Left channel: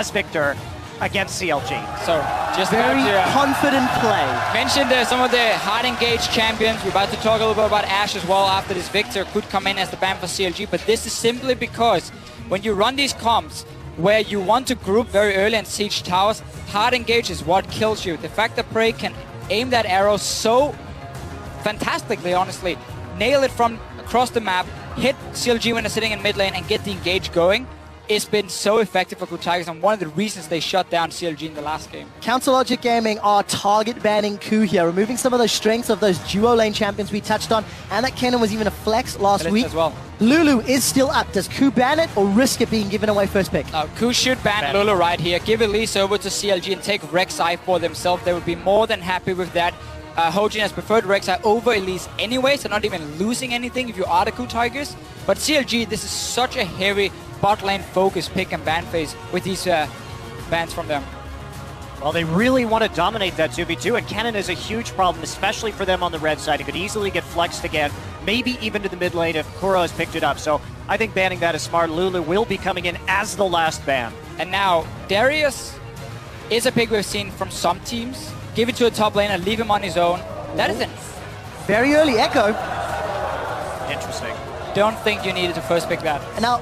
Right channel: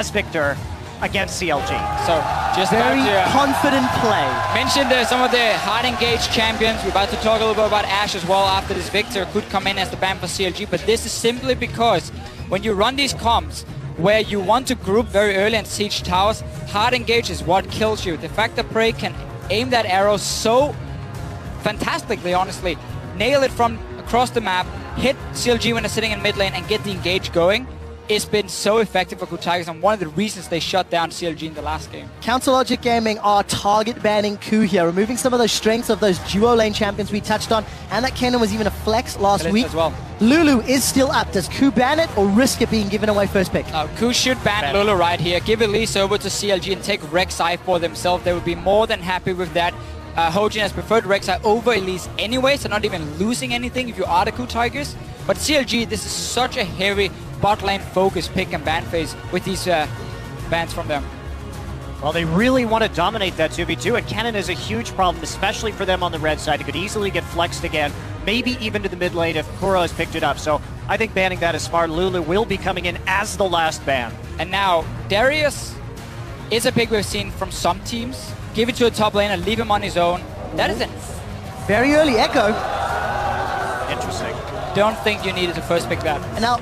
as Victor against CLG. So just very confident play. Mentioned some of the hard engaged champions. We're about to talk a little bit about Ash as well after this. Victor could come in as the ban for CLG, but this is simply because when you run these comps where you want to group very early and siege towers, hard engage is what kills you. The fact that Prey can aim that arrow so fantastically, honestly, nail it from across the map, hit CLG when they're sitting in mid lane and get the engage going, it's been so effective for KOO Tigers and one of the reasons they shut down CLG in the last game. Counter Logic Gaming are target banning KOO here, removing some of those strengths of those duo lane champions we touched on, and that cannon was even a flex last week as well. Lulu is still up. Does KOO ban it or risk it being given away first pick? KOO should ban Lulu right here. Give Elise over to CLG and take Rek'Sai for themselves. They would be more than happy with that. Hojin has preferred Rek'Sai over Elise anyway, so not even losing anything if you are the KOO Tigers. But CLG, this is such a heavy bot lane focus pick and ban phase with these bans from them. Well, they really want to dominate that 2v2, and Cannon is a huge problem, especially for them on the red side. It could easily get flexed again, maybe even to the mid lane if Kuro has picked it up. So I think banning that is smart. Lulu will be coming in as the last ban. And now, Darius is a pick we've seen from some teams. Give it to a top laner, leave him on his own. That is it. Very early Echo. Interesting. Don't think you needed to first pick that. And now,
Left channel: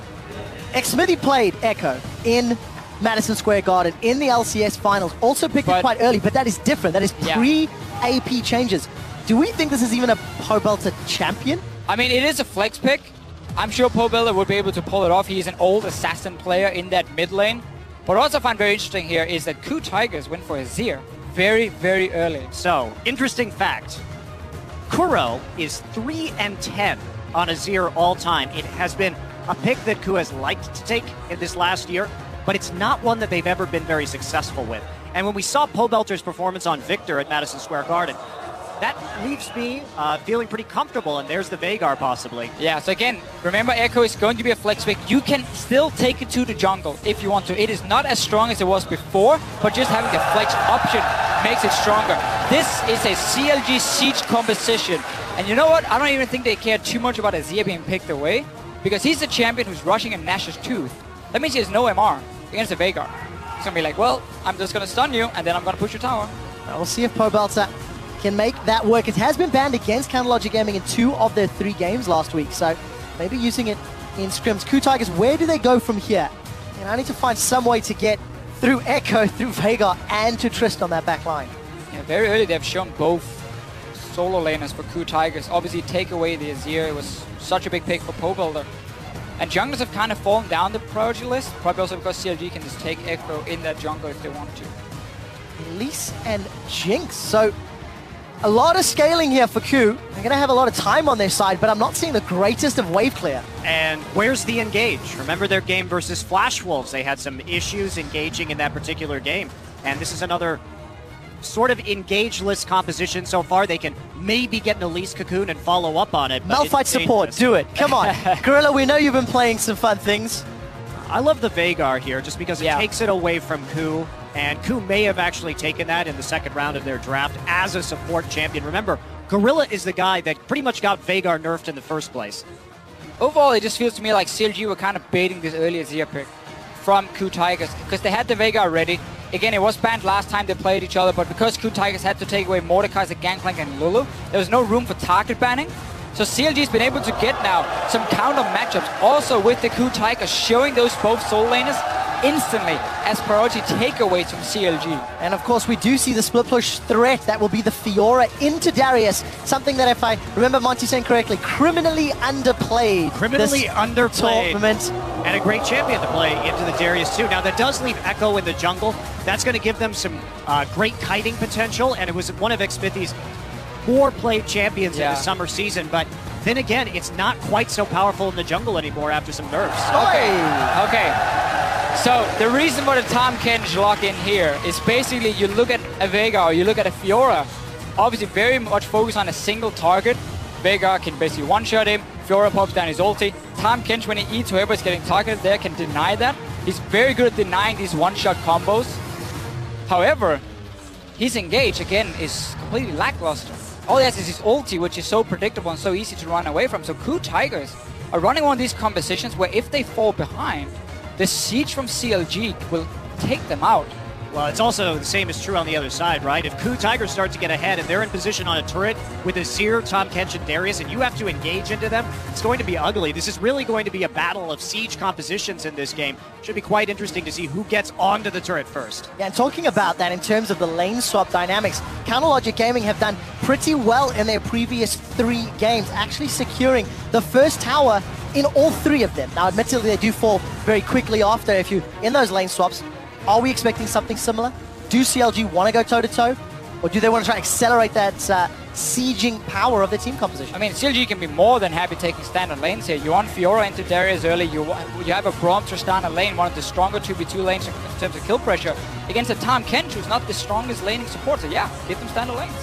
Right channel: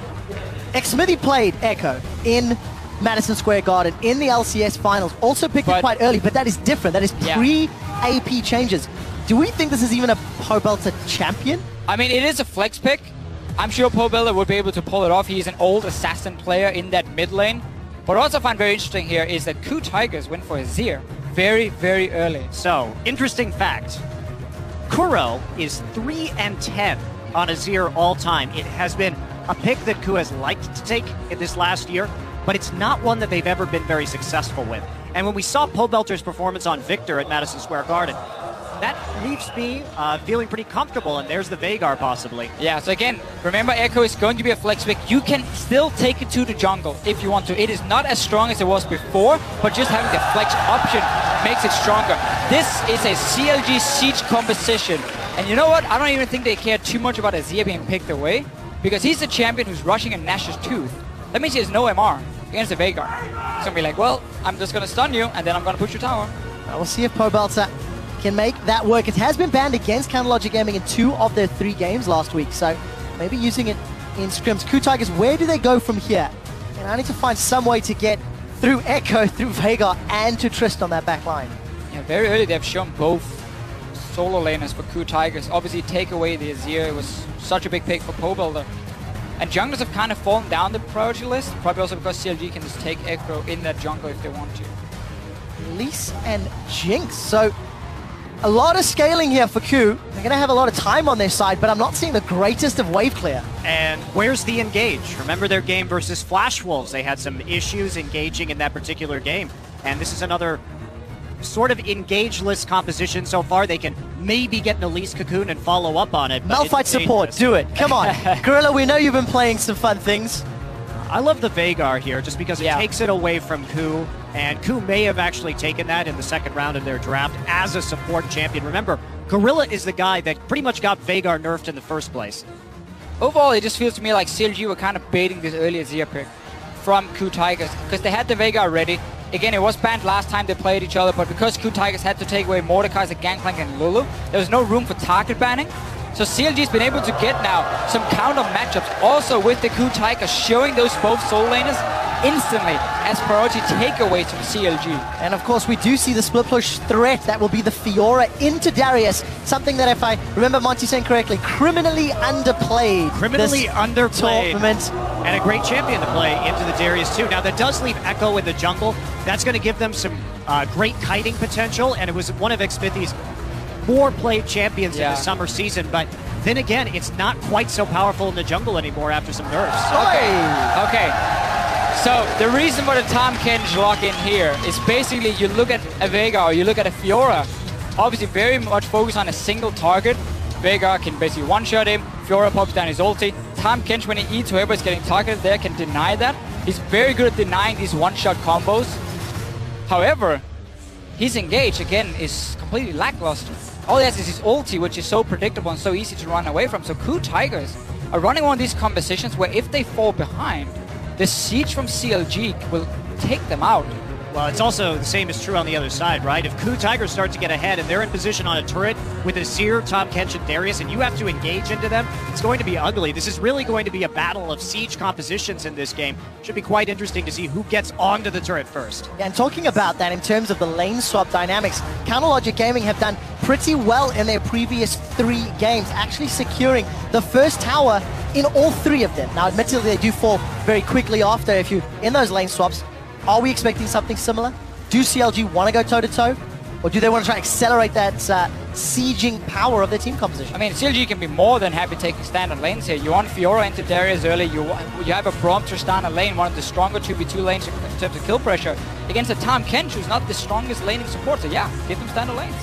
Smithy played Echo in Madison Square Garden in the LCS finals. Also picked it quite early, but that is different. That is pre-AP changes. Do we think this is even a Pobelter champion? I mean, it is a flex pick. I'm sure Pobelter would be able to pull it off. He's an old assassin player in that mid lane. What I also find very interesting here is that KOO Tigers went for Azir very, very early. So, interesting fact. Kuro is 3-10 on Azir all time. It has been a pick that KOO has liked to take in this last year, but it's not one that they've ever been very successful with. And when we saw Pobelter's performance on Victor at Madison Square Garden, that leaves me feeling pretty comfortable, and there's the Veigar possibly. Yeah, so again, remember Echo is going to be a flex pick. You can still take it to the jungle if you want to. It is not as strong as it was before, but just having the flex option makes it stronger. This is a CLG siege composition. And you know what? I don't even think they care too much about Azir being picked away, because he's a champion who's rushing a Nash's Tooth. That means he has no MR against the Veigar. It's going to be like, well, I'm just going to stun you, and then I'm going to push your tower. We'll see if Pobelter can make that work. It has been banned against Counter Logic Gaming in 2 of their 3 games last week, so maybe using it in scrims. KOO Tigers, where do they go from here? And I need to find some way to get through Echo, through Veigar, and to Trist on that back line. Yeah, very early they've shown both solo laners for KOO Tigers. Obviously take away the Azir. It was such a big pick for Pobelter. And junglers have kind of fallen down the priority list, probably also because CLG can just take Echo in that jungle if they want to. Elise and Jinx, so a lot of scaling here for KOO. They're going to have a lot of time on their side, but I'm not seeing the greatest of wave clear. And where's the engage? Remember their game versus Flash Wolves. They had some issues engaging in that particular game. And this is another sort of engage-less composition so far. They can maybe get the Elise Cocoon and follow up on it. Malphite support, do it. Come on. Gorilla, we know you've been playing some fun things. I love the Veigar here just because it takes it away from KOO. And KOO may have actually taken that in the second round of their draft as a support champion. Remember, Gorilla is the guy that pretty much got Veigar nerfed in the first place. Overall, it just feels to me like CLG were kind of baiting this early Azir pick from KOO Tigers because they had the Veigar ready. Again, it was banned last time they played each other, but because KOO Tigers had to take away Mordekaiser, Gangplank, and Lulu, there was no room for target banning. So CLG's been able to get now some counter matchups also with the KOO Tigers, showing those both solo laners instantly as priority takeaways from CLG. And of course, we do see the split push threat. That will be the Fiora into Darius. Something that, if I remember Monty saying correctly, criminally underplayed. Criminally underplayed. Tournament. And a great champion to play into the Darius too. Now, that does leave Echo in the jungle. That's going to give them some great kiting potential. And it was one of Xmithy's more played champions in the summer season. But then again, it's not quite so powerful in the jungle anymore after some nerfs. Okay. So the reason why the Tahm Kench lock in here is basically you look at a Veigar or you look at a Fiora, obviously very much focused on a single target. Veigar can basically one-shot him, Fiora pops down his ulti. Tahm Kench, when he eats whoever's getting targeted there, can deny that. He's very good at denying these one-shot combos. However, his engage, again, is completely lackluster. All he has is his ulti, which is so predictable and so easy to run away from. So KOO Tigers are running one of these compositions where if they fall behind, the siege from CLG will take them out. Well, it's also the same is true on the other side, right? If KOO Tigers start to get ahead and they're in position on a turret with Azir, Tahm Kench, and Darius, and you have to engage into them, it's going to be ugly. This is really going to be a battle of siege compositions in this game. Should be quite interesting to see who gets onto the turret first. Yeah, and talking about that in terms of the lane swap dynamics, Counterlogic Gaming have done pretty well in their previous 3 games, actually securing the first tower in all 3 of them. Now, admittedly, they do fall very quickly after if you're in those lane swaps. Are we expecting something similar? Do CLG want to go toe-to-toe? Or do they want to try and accelerate that sieging power of their team composition? I mean, CLG can be more than happy taking standard lanes here. You want Fiora into Darius early, you have a Braum Tristana lane, one of the stronger 2v2 lanes in terms of kill pressure, against a Tahm Kench who's not the strongest laning support, so yeah, give them standard lanes.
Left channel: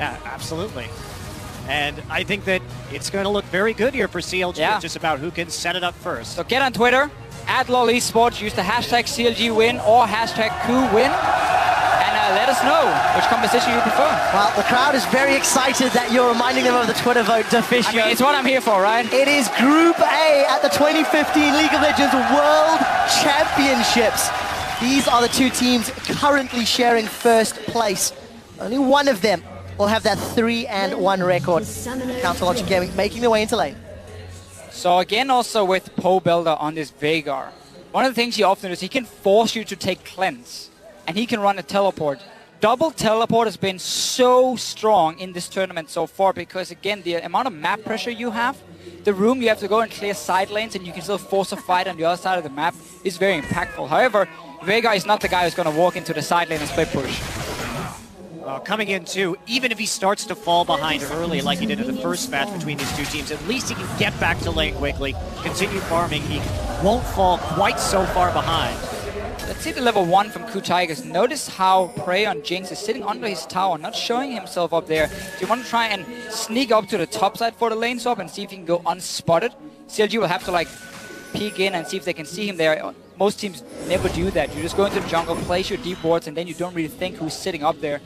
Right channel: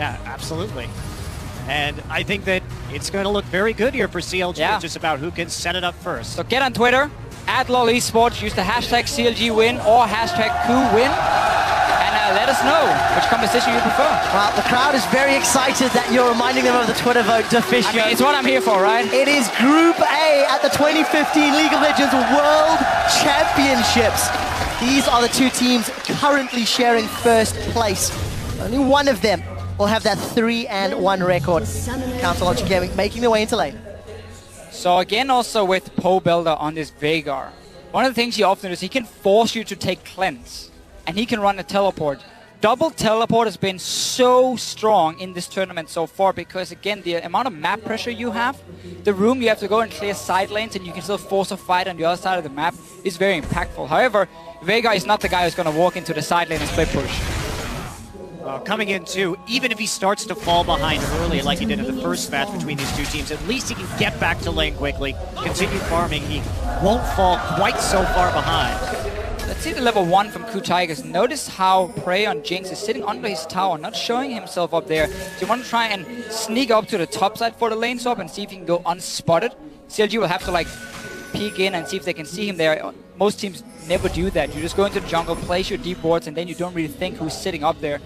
Yeah, absolutely. And I think that it's going to look very good here for CLG. Yeah. It's just about who can set it up first. So get on Twitter, @LOL Esports, use the hashtag CLGwin or hashtag KOOWin, and let us know which composition you prefer. Well, the crowd is very excited that you're reminding them of the Twitter vote, Deficio. I mean, it's what I'm here for, right? It is Group A at the 2015 League of Legends World Championships. These are the 2 teams currently sharing first place. Only one of them will have that 3-1 record. Counterlogic Gaming making their way into lane. So again, also with Poe Builder on this Veigar, one of the things he often is he can force you to take cleanse, and he can run a teleport. Double teleport has been so strong in this tournament so far because again, the amount of map pressure you have, the room you have to go and clear side lanes, and you can still force a fight on the other side of the map is very impactful. However, Veigar is not the guy who's going to walk into the side lane and split push. Coming in too, even if he starts to fall behind early, like he did in the first match between these 2 teams, at least he can get back to lane quickly, continue farming. He won't fall quite so far behind. Let's see the level 1 from KOO Tigers. Notice how Prey on Jinx is sitting under his tower, not showing himself up there. Do you want to try and sneak up to the top side for the lane swap and see if he can go unspotted? CLG will have to like peek in and see if they can see him there. Most teams never do that. You just go into the jungle, place your deep wards, and then you don't really think who's sitting up there.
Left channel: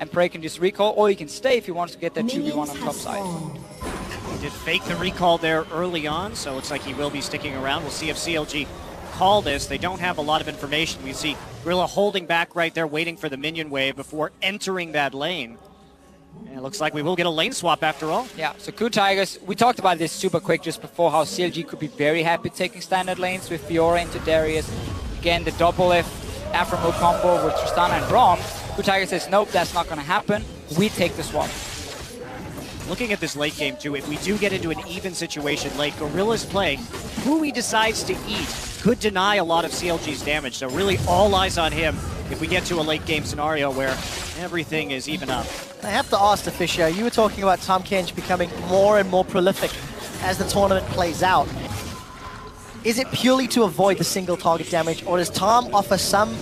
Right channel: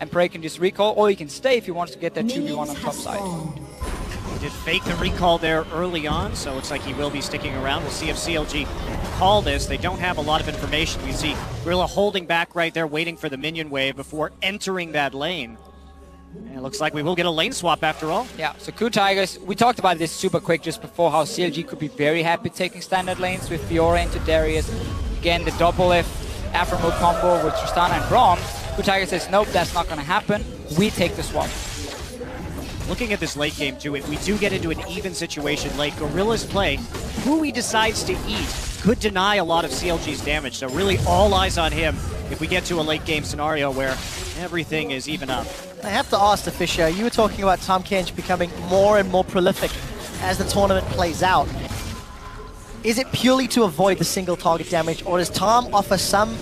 And Prey can just recall, or he can stay if he wants to get that 2v1 on top side. He did fake the recall there early on, so it looks like he will be sticking around. We'll see if CLG call this. They don't have a lot of information. You see Gorilla holding back right there, waiting for the minion wave before entering that lane. And it looks like we will get a lane swap after all. Yeah, so KOO Tigers, we talked about this super quick just before, how CLG could be very happy taking standard lanes with Fiora into Darius. Again, the double F Afro combo with Tristana and Braum. KOO Tigers says, nope, that's not going to happen. We take the swap. Looking at this late game too, if we do get into an even situation late, Gorilla's play, who he decides to eat could deny a lot of CLG's damage. So really all eyes on him if we get to a late game scenario where everything is even up. I have to ask, Deficio, you were talking about Tahm Kench becoming more and more prolific as the tournament plays out. Is it purely to avoid the single target damage, or does Tahm offer some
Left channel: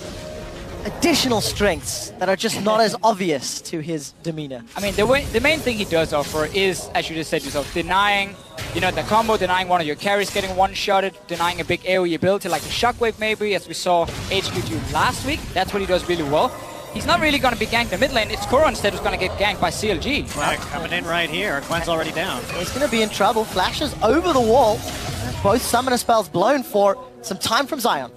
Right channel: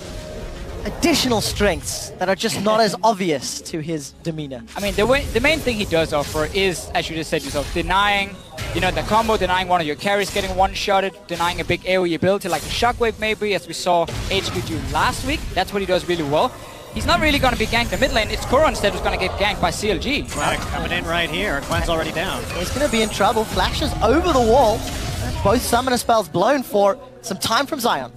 additional strengths that are just not as obvious to his demeanor? I mean, the main thing he does offer is, as you just said yourself, denying, you know, the combo, denying one of your carries getting one-shotted, denying a big AoE ability like the Shockwave maybe, as we saw HQ2 last week. That's what he does really well. He's not really going to be ganked in the mid lane. It's Kuro instead who's going to get ganked by CLG. Flash coming in right here. Gwen's already down. He's going to be in trouble. Flashes over the wall. Both summoner spells blown for some time from Zion.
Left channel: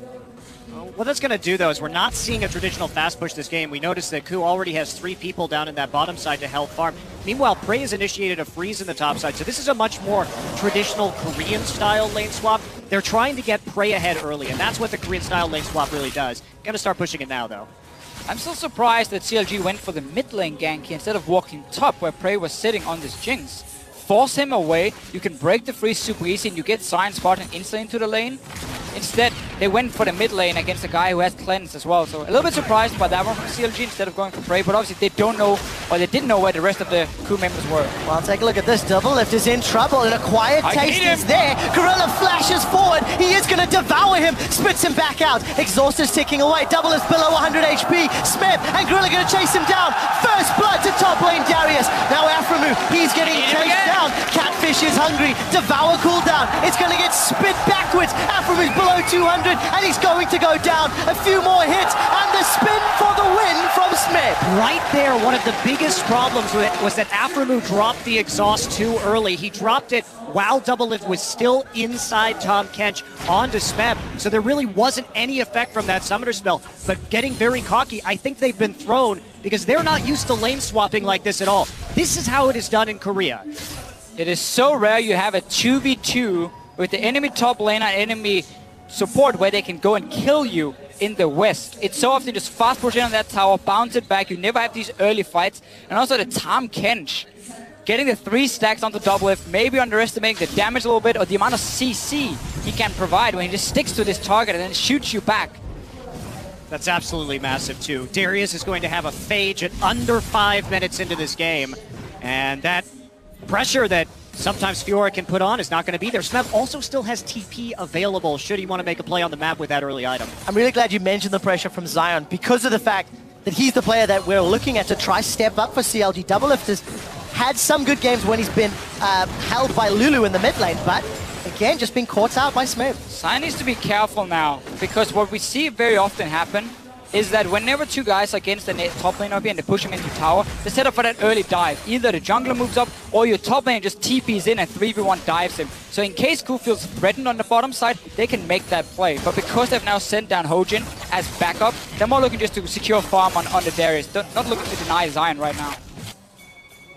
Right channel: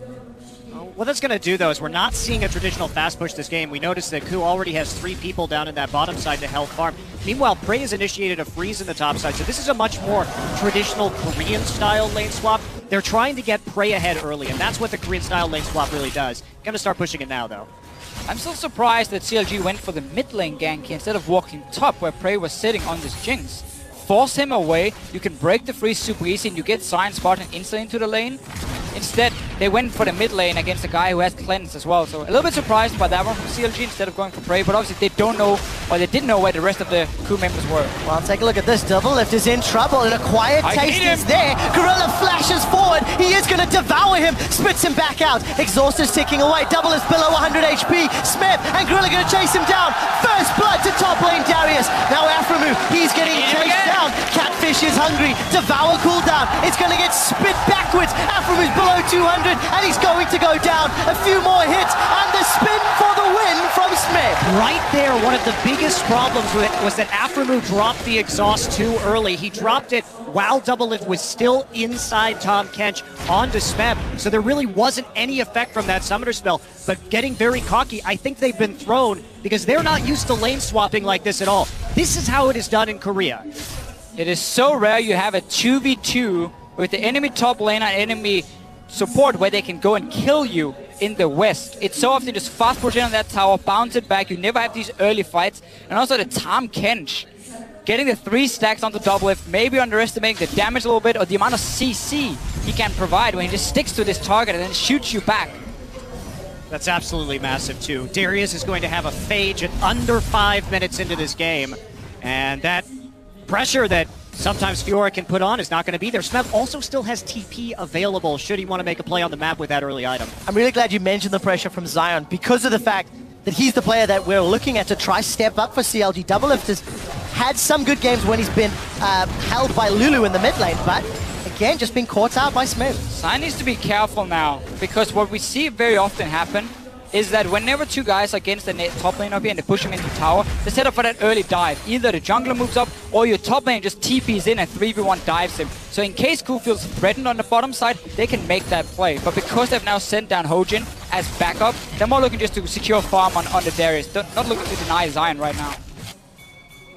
What that's going to do, though, is we're not seeing a traditional fast push this game. We noticed that KOO already has 3 people down in that bottom side to help harm. Meanwhile, Prey has initiated a freeze in the top side, so this is a much more traditional Korean-style lane swap. They're trying to get Prey ahead early, and that's what the Korean-style lane swap really does. Got to start pushing it now, though. I'm still surprised that CLG went for the mid lane gank instead of walking top where Prey was sitting on this Jinx. Force him away, you can break the freeze super easy and you get Zion spotting instantly into the lane. Instead, they went for the mid lane against a guy who has cleanse as well. So a little bit surprised by that one from CLG instead of going for Prey, but obviously they don't know, or they didn't know where the rest of the KOO members were. Well, take a look at this. Double Lift is in trouble and a quiet taste is there. Gorilla flashes forward. He is going to devour him. Spits him back out. Exhaust is ticking away. Double is below 100 HP. Smith and Gorilla going to chase him down. First blood to top lane Darius. Now Afromu, he's getting chased down. Catfish is hungry. Devour cooldown. It's going to get spit backwards. Afromu's below 200 and he's going to go down. A few more hits and the spin for the win from Smith. Right there one of the biggest problems with it was that Afremu dropped the exhaust too early. He dropped it while Double Lift was still inside Tom Kench onto Smeb, so there really wasn't any effect from that summoner spell. But getting very cocky, I think they've been thrown because they're not used to lane swapping like this at all. This is how it is done in Korea. It is so rare you have a 2v2 with the enemy top lane and enemy support where they can go and kill you in the west. It's so often just fast push in on that tower, bounce it back. You never have these early fights. And also the Tom Kench getting the 3 stacks onto Double Lift, maybe underestimating the damage a little bit or the amount of CC he can provide when he just sticks to this target and then shoots you back. That's absolutely massive too. Darius is going to have a phage at under 5 minutes into this game. And that pressure that sometimes Fiora can put on is not going to be there. Smeb also still has TP available should he want to make a play on the map with that early item. I'm really glad you mentioned the pressure from Zion because of the fact that he's the player that we're looking at to try step up for CLG. Double Lift has had some good games when he's been held by Lulu in the mid lane, but again, just being caught out by Smeb. Zion needs to be careful now because what we see very often happen is that whenever 2 guys are against the top lane OP and they push him into tower, they set up for that early dive. Either the jungler moves up or your top lane just TPs in and 3v1 dives him. So in case KOO feels threatened on the bottom side, they can make that play. But because they've now sent down Hojin as backup, they're more looking just to secure farm on the Darius. They're not looking to deny Zion right now.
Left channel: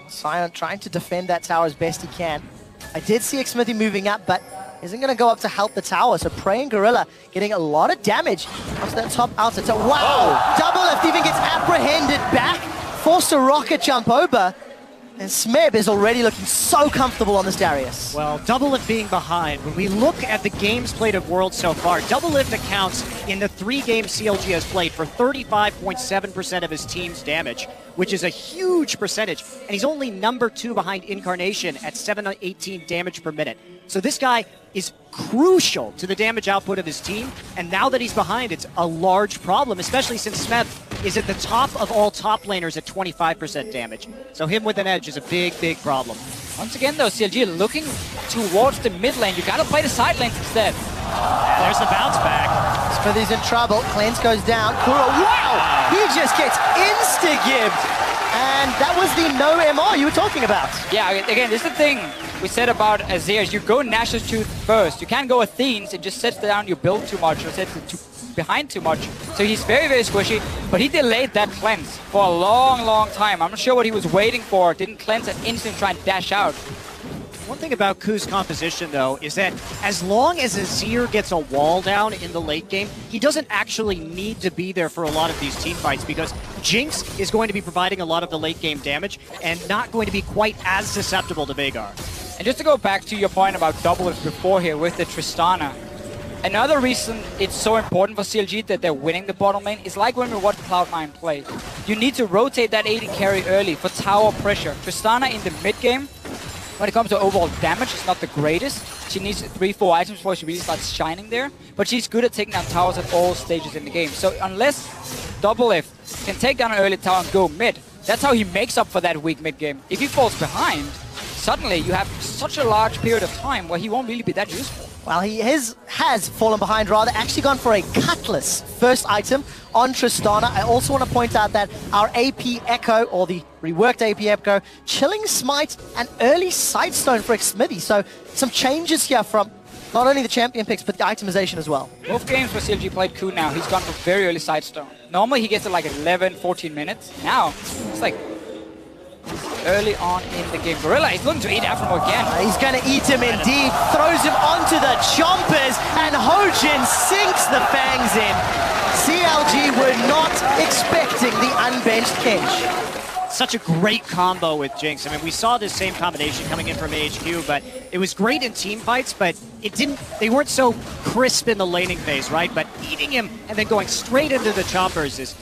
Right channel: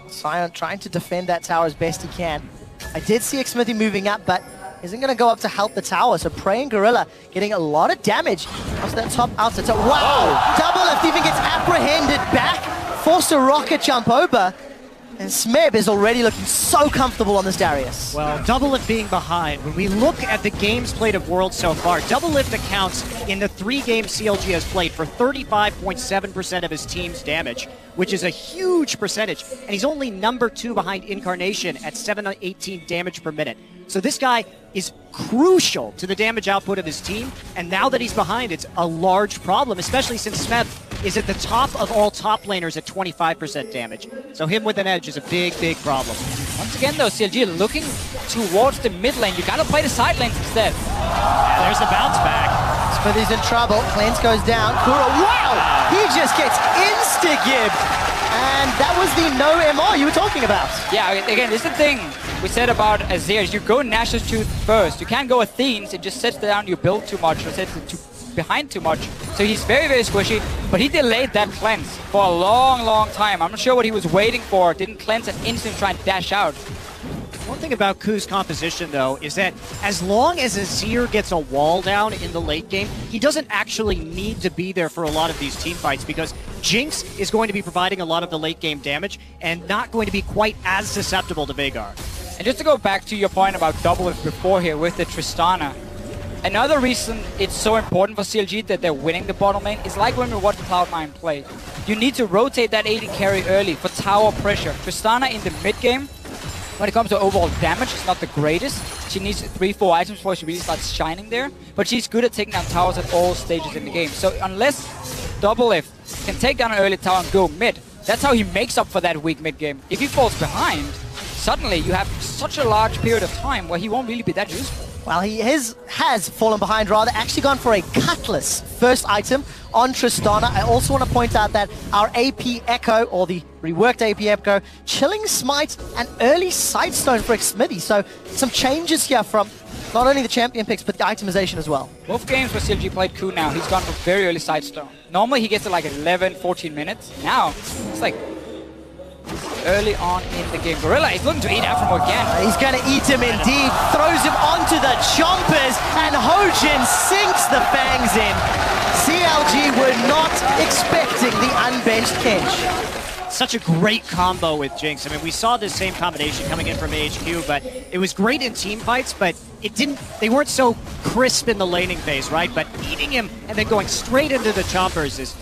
Zion trying to defend that tower as best he can. I did see Xmithy moving up, but isn't going to go up to help the tower. So Praying Gorilla getting a lot of damage. What's that top outside? So, wow! Double Lift even gets apprehended back. Forced a rocket jump over. And Smeb is already looking so comfortable on this Darius. Well, Double Lift being behind, when we look at the games played of Worlds so far, Double Lift accounts in the 3 games CLG has played for 35.7% of his team's damage, which is a huge percentage. And he's only number 2 behind Incarnation at 718 damage per minute. So this guy is crucial to the damage output of his team, and now that he's behind, it's a large problem, especially since Smeb is at the top of all top laners at 25% damage. So him with an edge is a big, big problem. Once again though, CLG looking towards the mid lane. You gotta play the side lanes instead. There's the bounce back. Smithy's in trouble. Cleanse goes down. Kuro, wow! He just gets insta-gift. That was the no MR you were talking about. Yeah, again, this is the thing we said about Azir. Is you go Nash's Truth first. You can't go Athene's. It just sets down your build too much. Or sets it behind too much. So he's very, very squishy. But he delayed that cleanse for a long, long time. I'm not sure what he was waiting for. Didn't cleanse and instantly try and dash out. One thing about KOO's composition, though, is that as long as Azir gets a wall down in the late game, he doesn't actually need to be there for a lot of these team fights because Jinx is going to be providing a lot of the late game damage and not going to be quite as susceptible to Veigar. And just to go back to your point about Double Lift before here with the Tristana, another reason it's so important for CLG that they're winning the bottom lane is like when we watch Cloud9 play. You need to rotate that AD carry early for tower pressure. Tristana in the mid game, when it comes to overall damage, is not the greatest. She needs 3-4 items before she really starts shining there. But she's good at taking down towers at all stages in the game. So unless Double Lift can take down an early tower and go mid, that's how he makes up for that weak mid game. If he falls behind, suddenly you have such a large period of time where he won't really be that useful. Well, he has fallen behind, rather actually gone for a Cutlass first item on Tristana. I also want to point out that our AP Echo, or the reworked AP Echo, Chilling Smite and early Sightstone for Xmithy. So some changes here from not only the champion picks, but the itemization as well. Both games where CLG played KOO now, he's gone for very early Sightstone. Normally he gets it like 11, 14 minutes. Now, it's like early on in the game. Gorilla, he's looking to eat Afro again. He's going to eat him indeed. Throws him onto the chompers, and Hojin sinks the fangs in. CLG were not expecting the unbenched Kench. Such a great combo with Jinx. I mean, we saw this same combination coming in from HQ, but it was great in team fights, but they weren't so crisp in the laning phase, right? But eating him and then going straight into the chompers is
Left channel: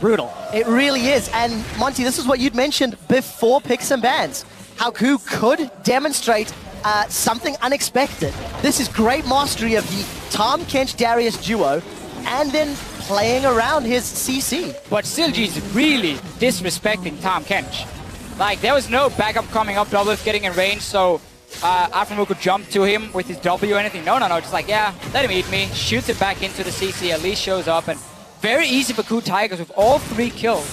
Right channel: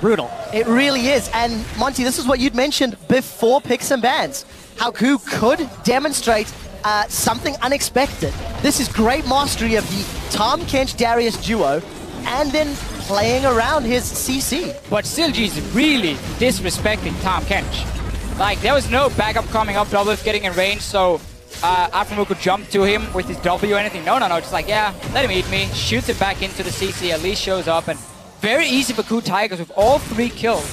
brutal. It really is. And Monty, this is what you'd mentioned before picks and bans. How KOO could demonstrate something unexpected. This is great mastery of the Tom Kench Darius duo, and then playing around his CC. But CLG's really disrespecting Tom Kench. Like, there was no backup coming up, Double Lift getting in range, so Afremo could jump to him with his W or anything. No, just like, yeah, let him eat me. Shoots it back into the CC, at least shows up, and very easy for KOO Tigers with all 3 kills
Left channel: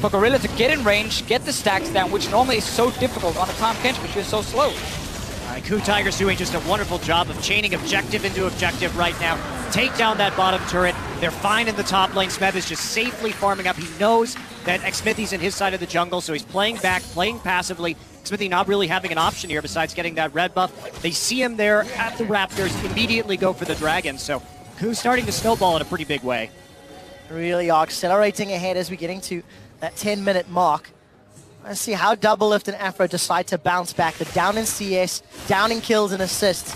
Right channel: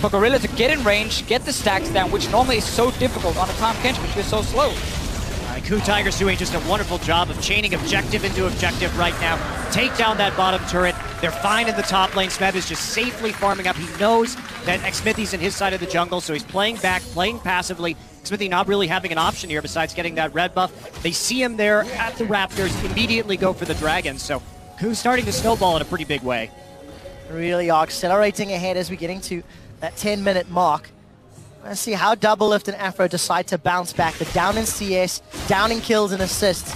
for Gorilla to get in range, get the stacks down, which normally is so difficult on the Tahm Kench, which is so slow. KOO Tigers doing just a wonderful job of chaining objective into objective right now. Take down that bottom turret. They're fine in the top lane. Smeb is just safely farming up. He knows that Smithy's in his side of the jungle, so he's playing back, playing passively. Smithy not really having an option here besides getting that red buff. They see him there at the Raptors, immediately go for the Dragon. So KOO's starting to snowball in a pretty big way. Really are accelerating ahead as we're getting to that 10-minute mark. Let's see how Doublelift and Afro decide to bounce back. They're down in CS, down in kills and assists.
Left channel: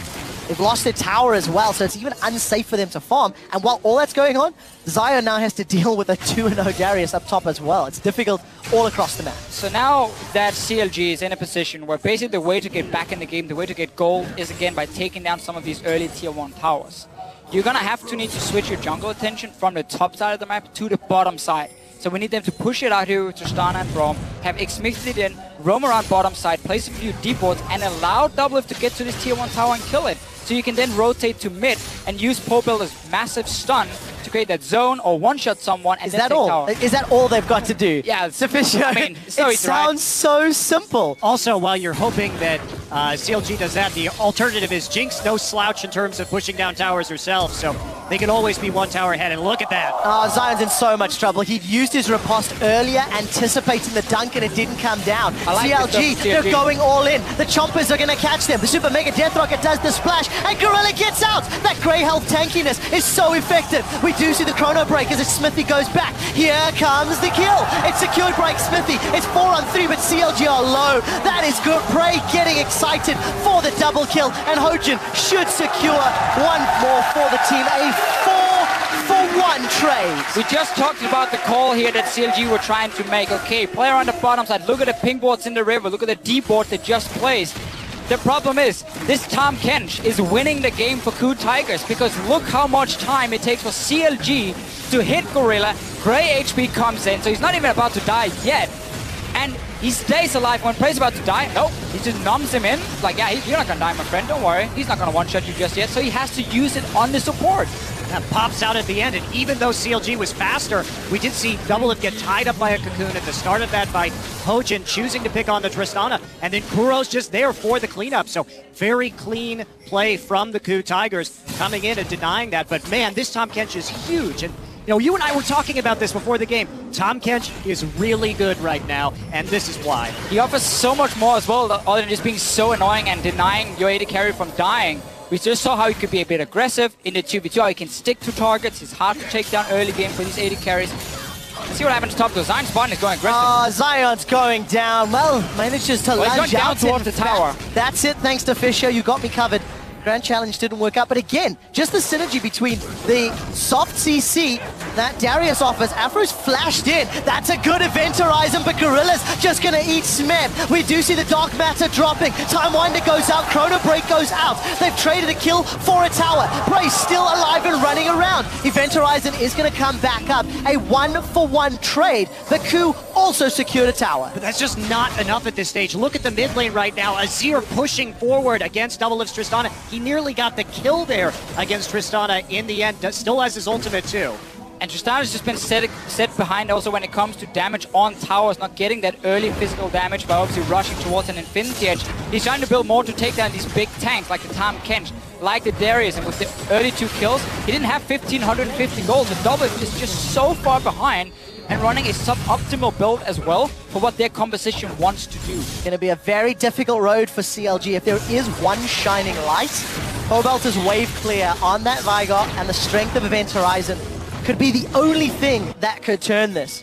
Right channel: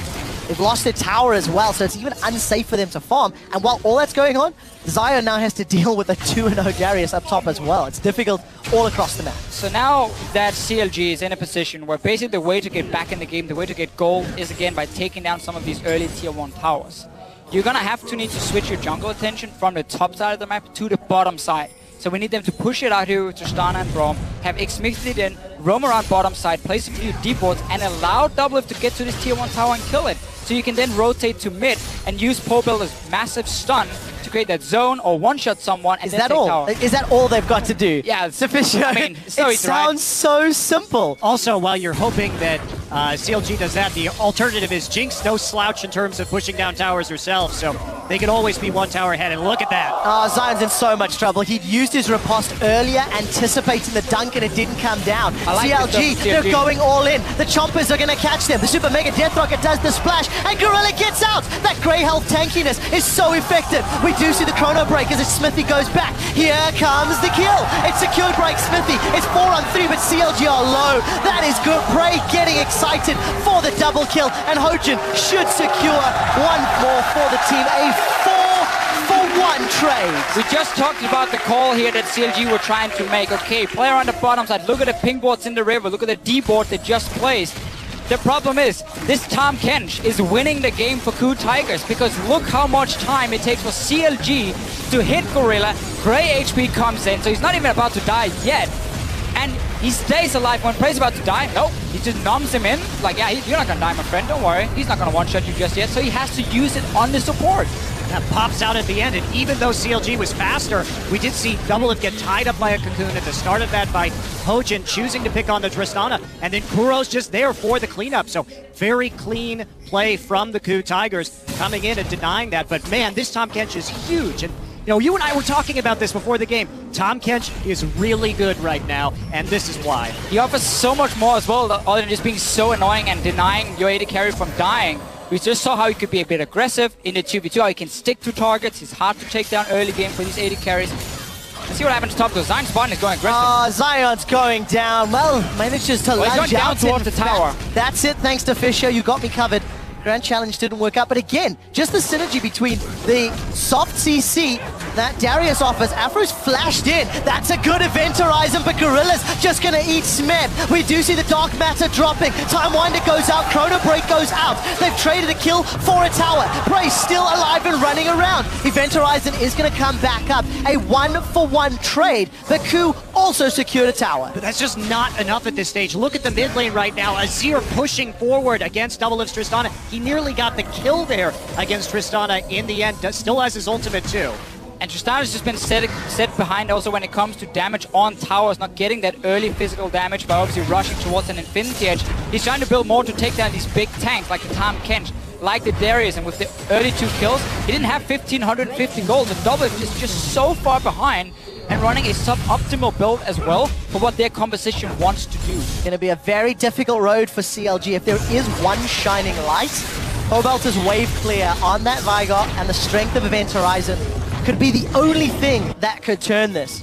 They've lost their tower as well, so it's even unsafe for them to farm. And while all that's going on, Zion now has to deal with a 2-0 Darius up top as well. It's difficult all across the map. So now that CLG is in a position where basically the way to get back in the game, the way to get gold is again by taking down some of these early tier 1 towers. You're gonna have to need to switch your jungle attention from the top side of the map to the bottom side. So we need them to push it out here with Tristana and Braum, have X-Mixed in, roam around bottom side, place a few deep wards, and allow Doublelift to get to this tier 1 tower and kill it. So you can then rotate to mid and use Popel's massive stun to create that zone or one-shot someone. And is that all? Is that all they've got to do? Yeah, it's sufficient. I mean, it sounds so simple. Also, while you're hoping that CLG does that, the alternative is Jinx no slouch in terms of pushing down towers herself, so they can always be one tower ahead, and look at that. Oh, Zion's in so much trouble. He'd used his riposte earlier, anticipating the dunk, and it didn't come down. CLG, they're going all in. The Chompers are going to catch them. The Super Mega Death Rocket does the splash, and Gorilla gets out. That Grey Health tankiness is so effective. We do see the Chrono Break as Smithy goes back. Here comes the kill. It's secured by Smithy. It's 4-on-3, but CLG are low. That is good. Bray getting excited for the double kill, and Hojin should secure 1-4 for the team. A 4-for-1 trade. We just talked about the call here that CLG were trying to make. Okay, player on the bottom side. Look at the ping boards in the river. Look at the D board they just placed. The problem is, this Tahm Kench is winning the game for KOO Tigers because look how much time it takes for CLG to hit Gorilla. Gray HP comes in, so he's not even about to die yet. And he stays alive when Prey's about to die. Nope. He just numbs him in. Like, yeah, you're not gonna die, my friend. Don't worry. He's not gonna one-shot you just yet. So he has to use it on the support. That pops out at the end, and even though CLG was faster, we did see Doublelift get tied up by a Cocoon at the start of that fight. Hojin choosing to pick on the Tristana, and then Kuro's just there for the cleanup. So very clean play from the KOO Tigers coming in and denying that. But man, this Tahm Kench is huge. And you know, you and I were talking about this before the game. Tahm Kench is really good right now, and this is why. He offers so much more as well, other than just being so annoying and denying your AD carry from dying. We just saw how he could be a bit aggressive in the 2v2, how he can stick to targets. He's hard to take down early game for these AD carries. Let's see what happens top though. Zion's button is going aggressive. Zion's going down. Well, manages to lunge out towards the tower. That's it, thanks to Fisher. You got me covered. Grand Challenge didn't work out, but again, just the synergy between the soft CC that Darius offers. Afro's flashed in. That's a good event horizon, but Gorilla's just gonna eat Smith. We do see the Dark Matter dropping. Time Winder goes out, Chrono Break goes out. They've traded a kill for a tower. Bray's still alive and running around. Event horizon is gonna come back up. A 1-for-1 trade. The KOO also secured a tower. But that's just not enough at this stage. Look at the mid lane right now. Azir pushing forward against Doublelift's Tristana. He nearly got the kill there against Tristana in the end. Still has his ultimate too. And Tristana's just been set behind also when it comes to damage on towers, not getting that early physical damage, but obviously rushing towards an Infinity Edge. He's trying to build more to take down these big tanks like the Tahm Kench, like the Darius, and with 32 kills, he didn't have 1,550 gold. The Doublelift is just so far behind and running a suboptimal build as well for what their composition wants to do. It's going to be a very difficult road for CLG. If there is one shining light, Cobalt wave clear on that Vigor, and the strength of Event Horizon could be the only thing that could turn this.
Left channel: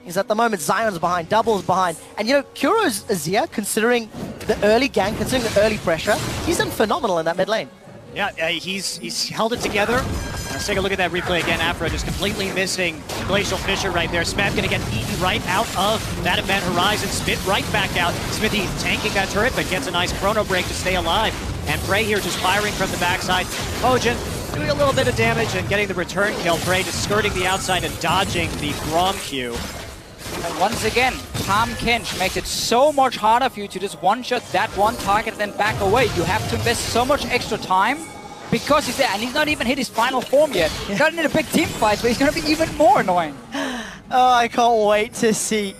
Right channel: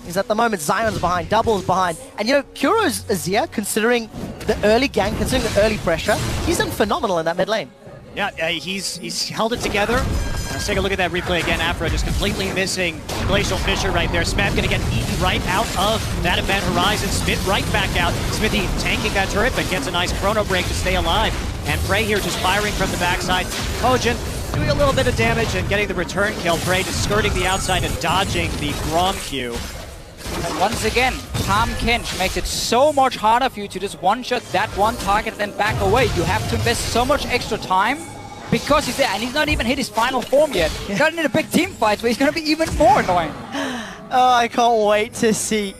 Because at the moment, Zion's behind, Double's behind. And you know, Kuro's Azir, considering the early gank, considering the early pressure, he's done phenomenal in that mid lane. Yeah, he's held it together. Let's take a look at that replay again. Afro just completely missing the Glacial Fissure right there. Smith gonna get eaten right out of that Event Horizon. Spit right back out. Smithy tanking that turret, but gets a nice Chrono Break to stay alive. And Prey here just firing from the backside. Hojin doing a little bit of damage and getting the return kill. Prey just skirting the outside and dodging the Braum Q. And once again, Tahm Kench makes it so much harder for you to just one-shot that one target and then back away. You have to invest so much extra time because he's there, and he's not even hit his final form yet. He's gotten in a big team fight, so he's going to be even more annoying. Oh, I can't wait to see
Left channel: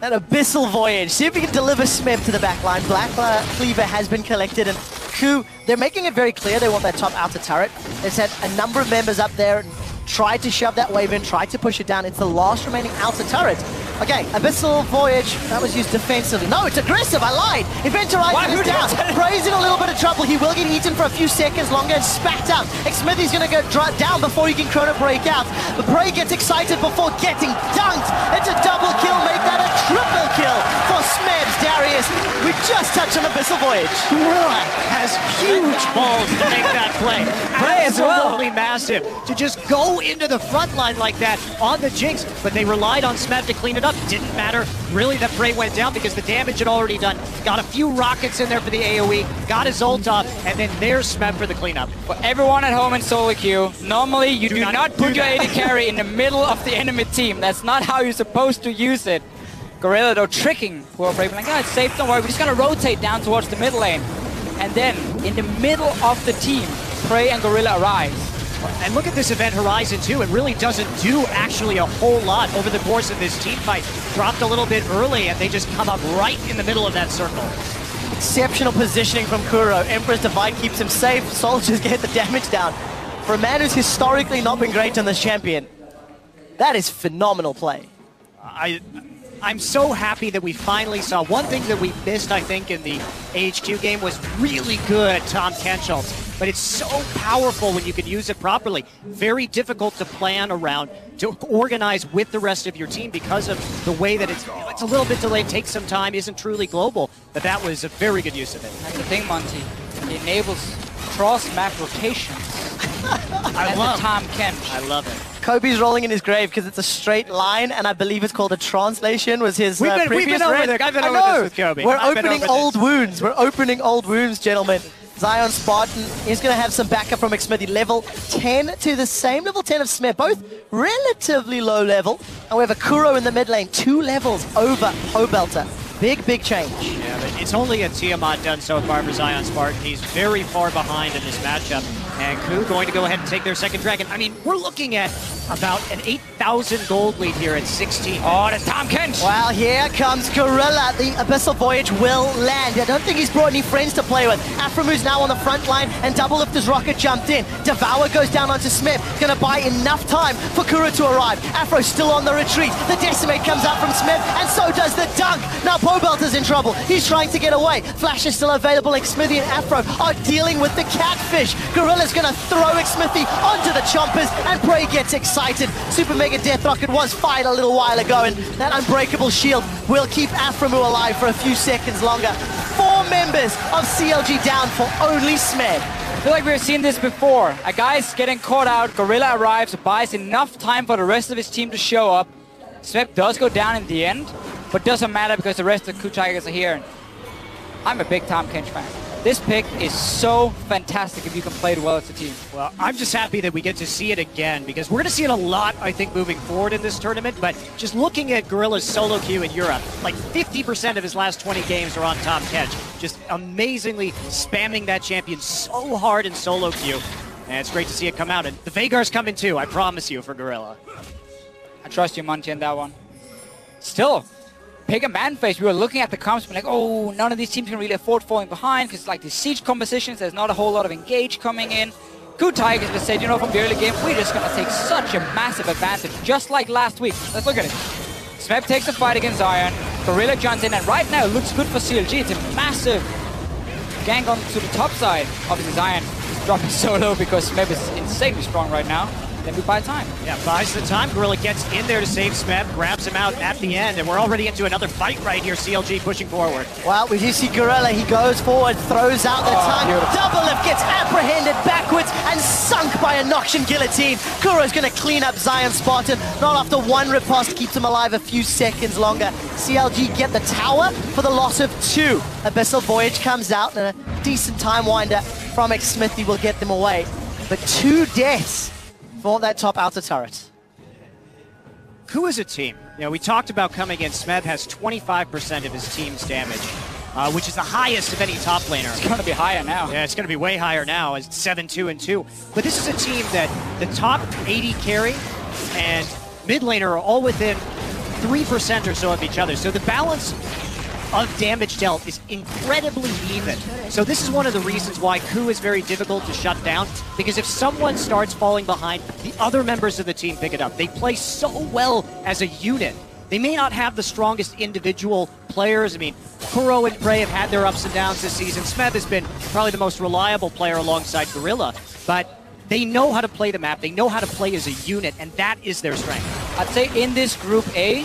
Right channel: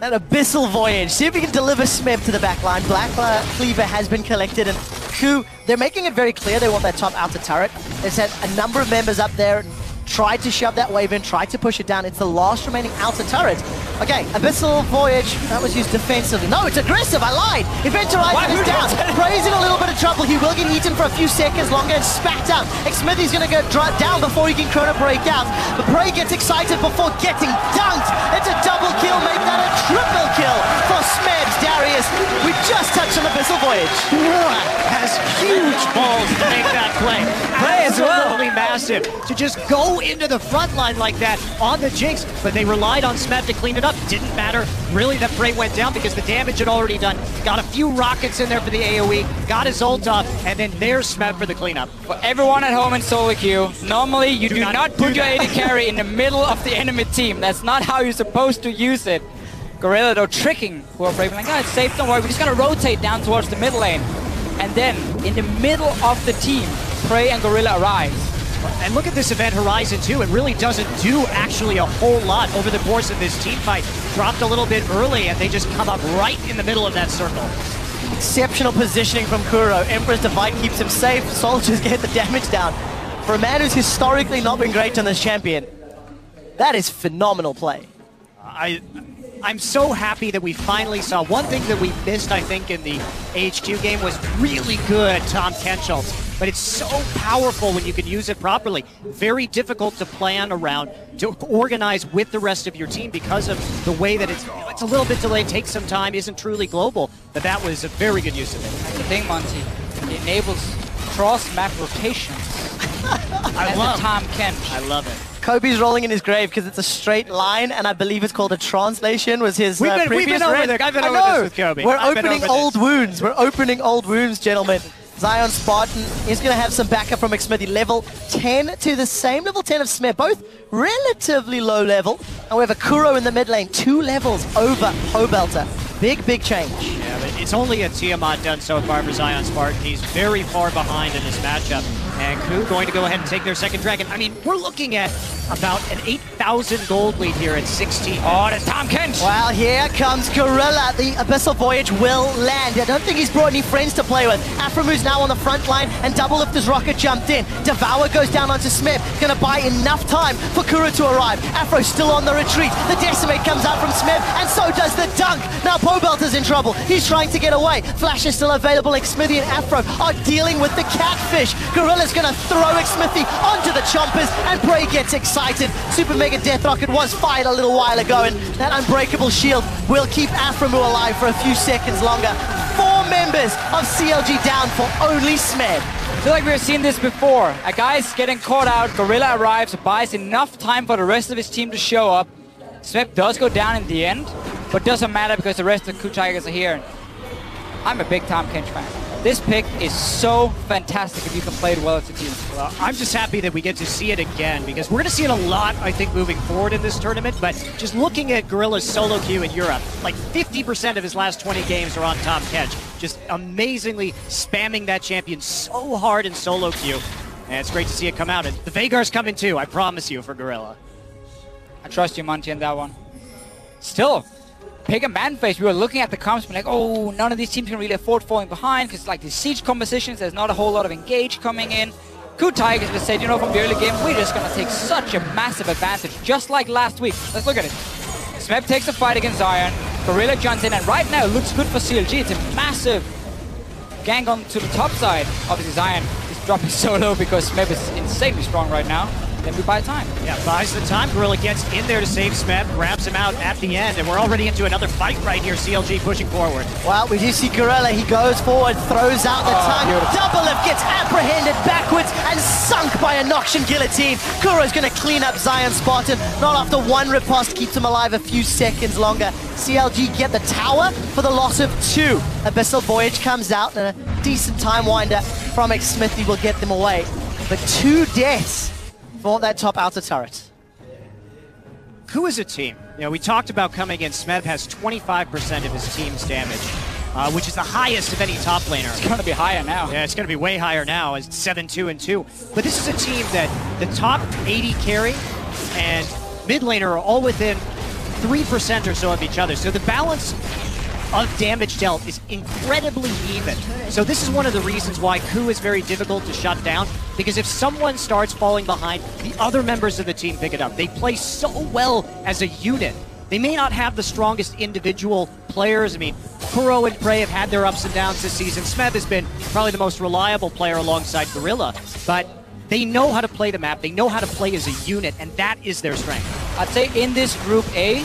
that Abyssal Voyage. See if we can deliver Smeb to the back line. Blackfire Cleaver has been collected, and KOO, they're making it very clear they want that top outer turret. They set a number of members up there and tried to shove that wave in, tried to push it down. It's the last remaining outer turret. Okay, Abyssal Voyage, that was used defensively. No, it's aggressive, I lied. Eventualizes down. Bray's in a little bit of trouble. He will get eaten for a few seconds longer and spat out. Smithy's going to go down before he can Chrono Break out. But Bray gets excited before getting dunked. It's a double kill, maybe not a triple kill for Smebs. Darius, we just touched on Abyssal Voyage. Has huge balls to make that play. That is absolutely massive to just go into the front line like that on the Jinx, but they relied on Smeb to clean it up. Didn't matter really that Bray went down because the damage had already done. Got a few rockets in there for the AoE, got his ult up, and then there's Smeb for the cleanup. For everyone at home in solo queue, normally you do not put your AD carry in the middle of the enemy team. That's not how you're supposed to use it. Gorilla though tricking Will Brave, like, no, it's safe, don't worry, we just gotta rotate down towards the mid lane. And then, in the middle of the team, Prey and Gorilla arise. And look at this event Horizon 2, it really doesn't do actually a whole lot over the course of this team fight. Dropped a little bit early, and they just come up right in the middle of that circle. Exceptional positioning from Kuro. Emperor's Divide keeps him safe. Soldiers get the damage down. For a man who's historically not been great on this champion, that is phenomenal play. I'm so happy that we finally saw one thing that we missed, I think, in the H2 game was really good Tom Kenchel. But it's so powerful when you can use it properly. Very difficult to plan around, to organize with the rest of your team because of the way that it's a little bit delayed, takes some time, isn't truly global. But that was a very good use of it. The thing, Monty, it enables cross-map rotation. I love Tom Kench. I love it. Kobe's rolling in his grave because it's a straight line, and I believe it's called a translation, was his previous we've been over rant. this. I've been over this with Kobe. We're opening old wounds. We're opening old wounds, gentlemen. Zion Spartan is going to have some backup from Xmithy. Level 10 to the same level 10 of Smith, both relatively low level. However, Kuro in the mid lane, 2 levels over Obelter. Big change. Yeah, but it's only a Tiamat done so far for Zion Spartan. He's very far behind in this matchup. And KOO going to go ahead and take their second dragon. I mean, we're looking at about an 8,000 gold lead here at 16. Oh, it's Tom Kench. Well, here comes Gorilla. The Abyssal Voyage will land. I don't think he's brought any friends to play with. Aframu's now on the front line, and Double Lifter's rocket jumped in. Devour goes down onto Smith. Gonna buy enough time for Kuro to arrive. Afro's still on the retreat. The Decimate comes out from Smith, and so does the Dunk. Now Pobelter's in trouble. He's trying to get away. Flash is still available. Xmithy and Afro are dealing with the catfish. Gorilla's gonna throw Xmithy onto the chompers, and Bray gets excited. Super Mega Death Rocket was fired a little while ago, and that Unbreakable Shield will keep Aframu alive for a few seconds longer. 4 members of CLG down for only Smeg. I feel like we've seen this before. A guy's getting caught out, Gorilla arrives, buys enough time for the rest of his team to show up. Smeb does go down in the end, but doesn't matter because the rest of the KOO Tigers are here. I'm a big Tom Kench fan. This pick is so fantastic if you can play it well as a team. Well, I'm just happy that we get to see it again because we're going to see it a lot, I think, moving forward in this tournament. But just looking at Gorilla's solo queue in Europe, like 50% of his last 20 games are on Tom Kench. Just amazingly spamming that champion so hard in solo queue. And it's great to see it come out. And the Veigar's coming too, I promise you, for Gorilla. I trust you, Monty, in that one. Still, pick a man face. We were looking at the comps, but like, oh, none of these teams can really afford falling behind because, like, these siege compositions, there's not a whole lot of engage coming in. KOO Tigers just said, you know, from the early game, we're just going to take such a massive advantage, just like last week. Let's look at it. Smeb takes the fight against Zion. Gorilla jumps in, and right now it looks good for CLG. It's a massive gang on to the top side. Obviously, Zion is dropping so low because Smeb is insanely strong right now. Then we buy time. Yeah, buys the time. Gorilla gets in there to save Smeb, grabs him out at the end, and we're already into another fight right here. CLG pushing forward. Well, we do see Gorilla. He goes forward, throws out the tongue. Double Lift gets apprehended backwards and sunk by a Noxian Guillotine. Kuro's going to clean up Zion Spartan. Not after one riposte, keeps him alive a few seconds longer. CLG get the tower for the loss of 2. Abyssal Voyage comes out, and a decent time winder from Xmithy will get them away. But 2 deaths for that top outer turret. KOO is a team. You know, we talked about coming in. Smeb has 25% of his team's damage. which is the highest of any top laner. It's going to be higher now. Yeah, it's going to be way higher now as 7-2-2. But this is a team that the top 80 carry and mid laner are all within 3% or so of each other. So the balance of damage dealt is incredibly even. So this is one of the reasons why KOO is very difficult to shut down, because if someone starts falling behind, the other members of the team pick it up. They play so well as a unit. They may not have the strongest individual players. I mean, KOO and Prey have had their ups and downs this season. Smeb has been probably the most reliable player alongside Gorilla, but they know how to play the map. They know how to play as a unit, and that is their strength. I'd say in this Group A,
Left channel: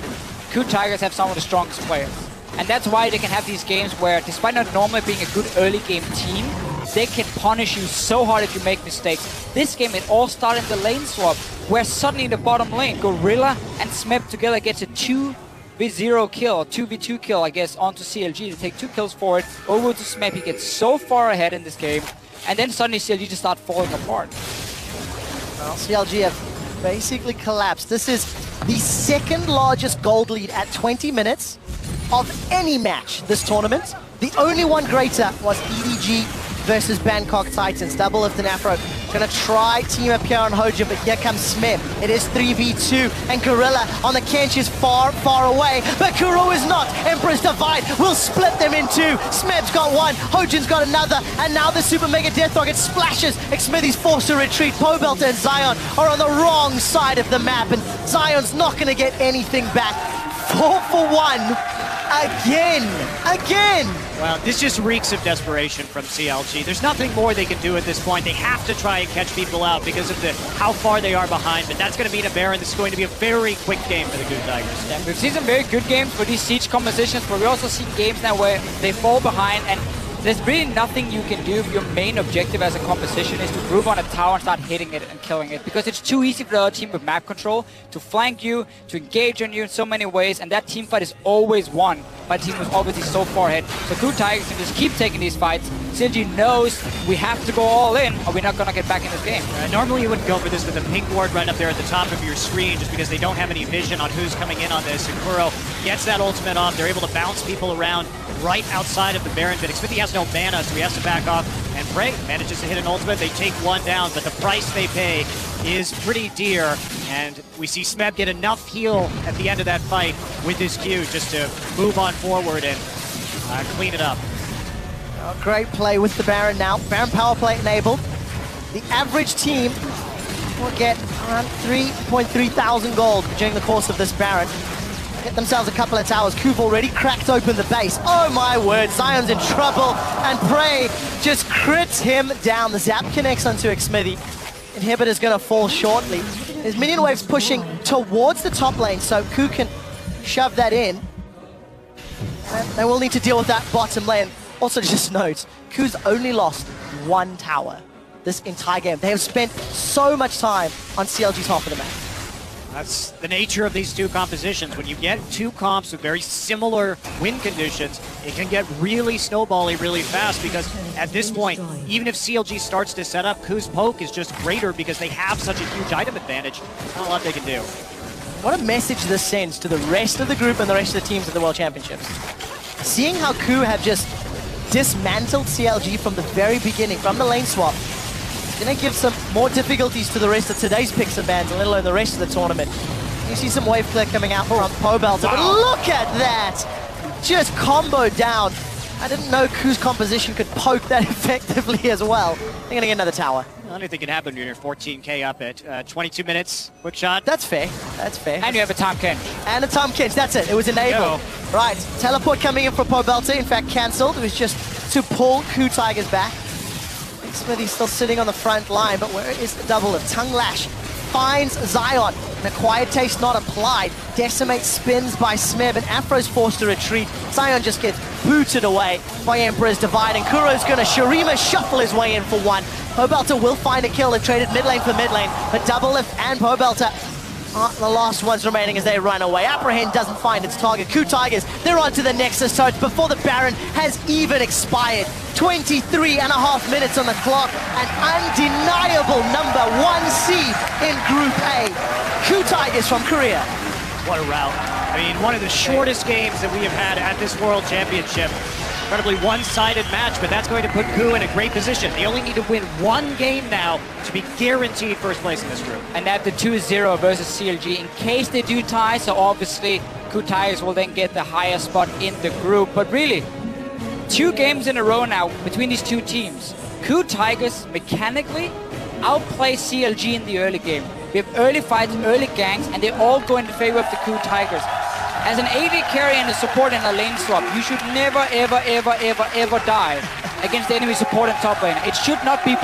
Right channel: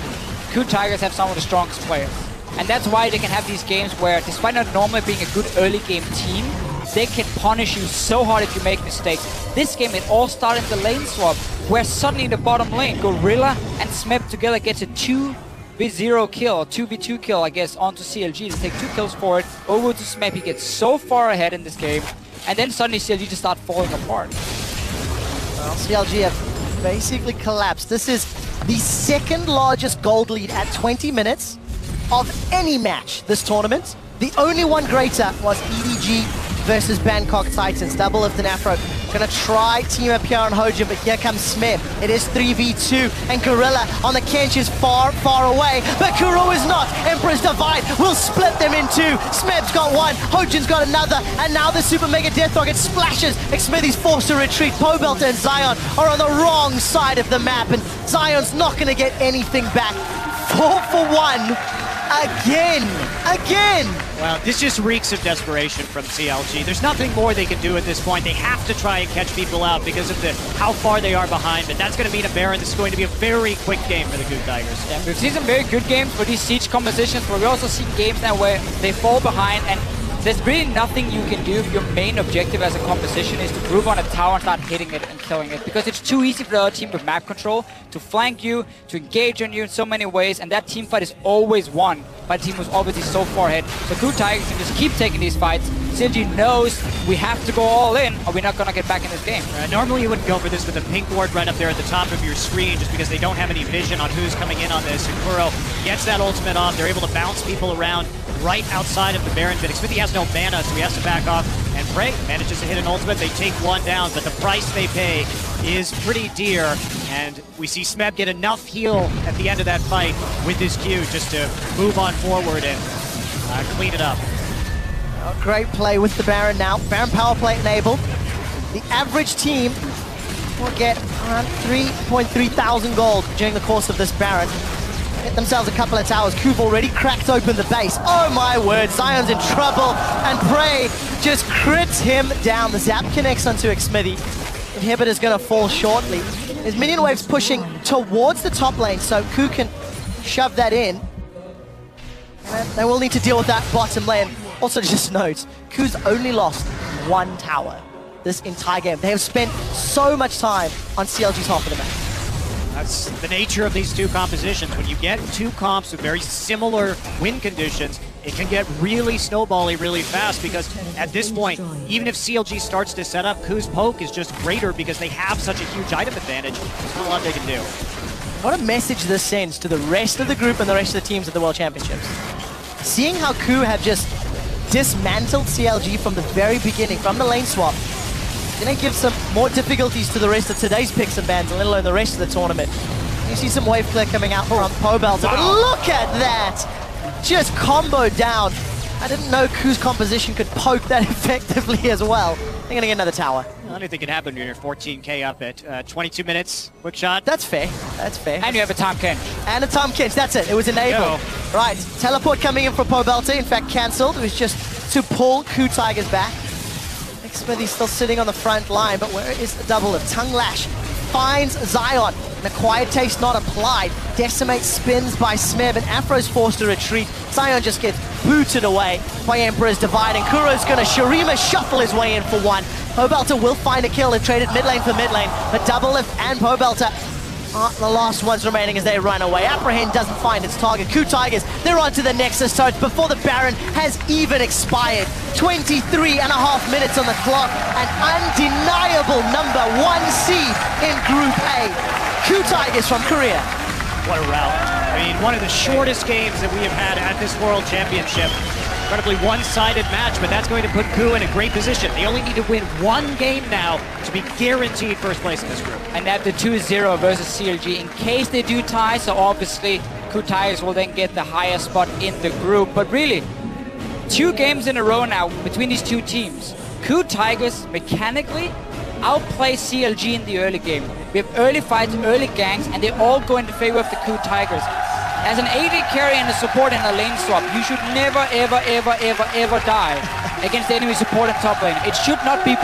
KOO Tigers have some of the strongest players. And that's why they can have these games where, despite not normally being a good early game team, they can punish you so hard if you make mistakes. This game, it all started in the lane swap, where suddenly in the bottom lane, Gorilla and Smeb together gets a 2v0 kill, 2v2 kill, I guess, onto CLG. They take 2 kills for it, over to Smeb. He gets so far ahead in this game, and then suddenly CLG just start falling apart. CLG have basically collapsed. This is the second largest gold lead at 20 minutes of any match this tournament. The only one greater was EDG versus Bangkok Titans. Double of the Afro. Gonna try team up here on Hojin, but here comes Smith. It is 3v2, and Gorilla on the Kench is far, far away, but KOO is not. Emperor's Divide will split them in two. Smith's got one, Hojin's got another, and now the Super Mega Death Rocket splashes. McSmithy's forced to retreat. Pobelter and Zion are on the wrong side of the map, and Zion's not gonna get anything back. 4 for 1. Again! Well, this just reeks of desperation from CLG. There's nothing more they can do at this point. They have to try and catch people out because of how far they are behind, and that's going to mean a Baron. This is going to be a very quick game for the KOO Tigers. Yeah, we've seen some very good games for these siege compositions, but we also see games now where they fall behind, and there's really nothing you can do if your main objective as a composition is to group on a tower and start hitting it and killing it. Because it's too easy for the other team with map control to flank you, to engage on you in so many ways, and that team fight is always won by a team who's already so far ahead. So KOO Tigers can just keep taking these fights. CLG knows we have to go all in or we're not going to get back in this game. Normally you wouldn't go for this with a pink ward right up there at the top of your screen just because they don't have any vision on who's coming in on this. And KOO gets that ultimate off. They're able to bounce people around right outside of the Baron. But Xfinity has no mana, so he has to back off. And Prey manages to hit an ultimate. They take one down, but the price they pay is pretty dear. And we see Smeb get enough heal at the end of that fight with his Q just to move on forward and clean it up. Oh, great play with the Baron now. Baron power play enabled. The average team will get around 3.3 thousand gold during the course of this Baron. Get themselves a couple of towers. KOO already cracked open the base. Oh my word, Zion's in trouble, and Prey just crits him down. The zap connects onto Xmithy. Inhibitor's gonna fall shortly. There's minion waves pushing towards the top lane, so KOO can shove that in. They will need to deal with that bottom lane. Also, just note, KOO's only lost one tower this entire game. They have spent so much time on CLG's half of the map. That's the nature of these two compositions. When you get two comps with very similar win conditions, it can get really snowbally really fast because at this point, even if CLG starts to set up, KOO's poke is just greater because they have such a huge item advantage. There's not a lot they can do. What a message this sends to the rest of the group and the rest of the teams at the World Championships. Seeing how KOO have just dismantled CLG from the very beginning, from the lane swap, going to give some more difficulties to the rest of today's picks and bans, let alone the rest of the tournament. You see some wave clear coming out from Pobelter, but look at that! Just combo down. I didn't know KOO's composition could poke that effectively as well. They're going to get another tower. Anything can happen when you're 14k up at 22 minutes. Quick shot. That's fair. That's fair. And you have a Tom Kench. And a Tom Kench. That's it. It was enabled. Right. Teleport coming in for Pobelter. In fact, cancelled. It was just to pull KOO Tigers back. Xmithy's still sitting on the front line, but where is the double of Tongue Lash? Finds Zion. The Quiet Taste not applied. Decimate spins by Smeb, and Afro's forced to retreat. Zion just gets booted away by Emperor's Divide, and Kuro's going to Shurima shuffle his way in for one. Pobelter will find a kill and trade it mid lane for mid lane, but Double Lift and Pobelter are the last ones remaining as they run away. Apprehend doesn't find its target. KOO Tigers, they're on to the Nexus Surge before the Baron has even expired. 23 and a half minutes on the clock, an undeniable number 1 seed in Group A. KOO Tigers from Korea. What a route. I mean, one of the shortest games that we have had at this World Championship. incredibly one-sided match, but that's going to put KOO in a great position. They only need to win one game now to be guaranteed first place in this group. And they have the 2-0 versus CLG in case they do tie, so obviously KOO Tigers will then get the higher spot in the group. But really, 2 games in a row now between these two teams. KOO Tigers mechanically outplay CLG in the early game. We have early fights, early ganks, and they all go in the favor of the KOO Tigers. As an AD carry and a support in the lane swap, you should never, ever, ever, ever, ever die against the enemy support in top lane. It should not be